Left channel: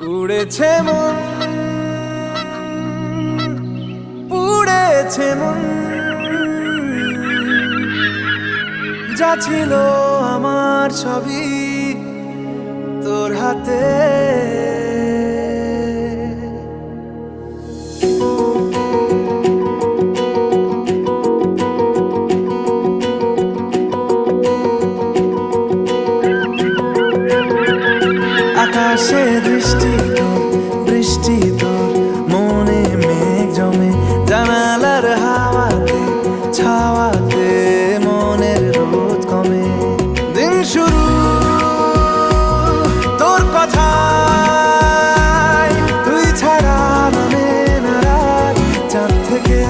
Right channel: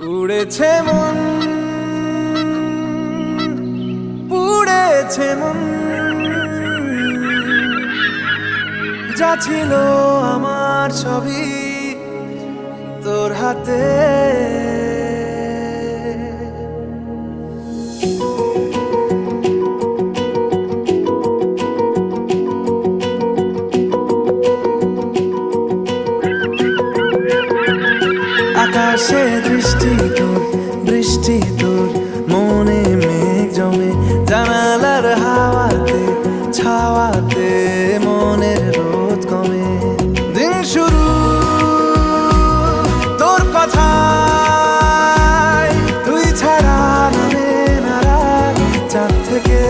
উড়েছে মন, পুড়েছে মন, যা ছিল আমার সবই তোর হাতে। আকাশে দৃষ্টি তোর, বৃষ্টি তোর, মনে মেঘ জমে, জানালার হাওয়াতে ছাওয়াতে মনের রোদ কমে। দিন শুরু তোর কথায়, তুই ছাড়া নামে না রাত, চাঁদ থেকে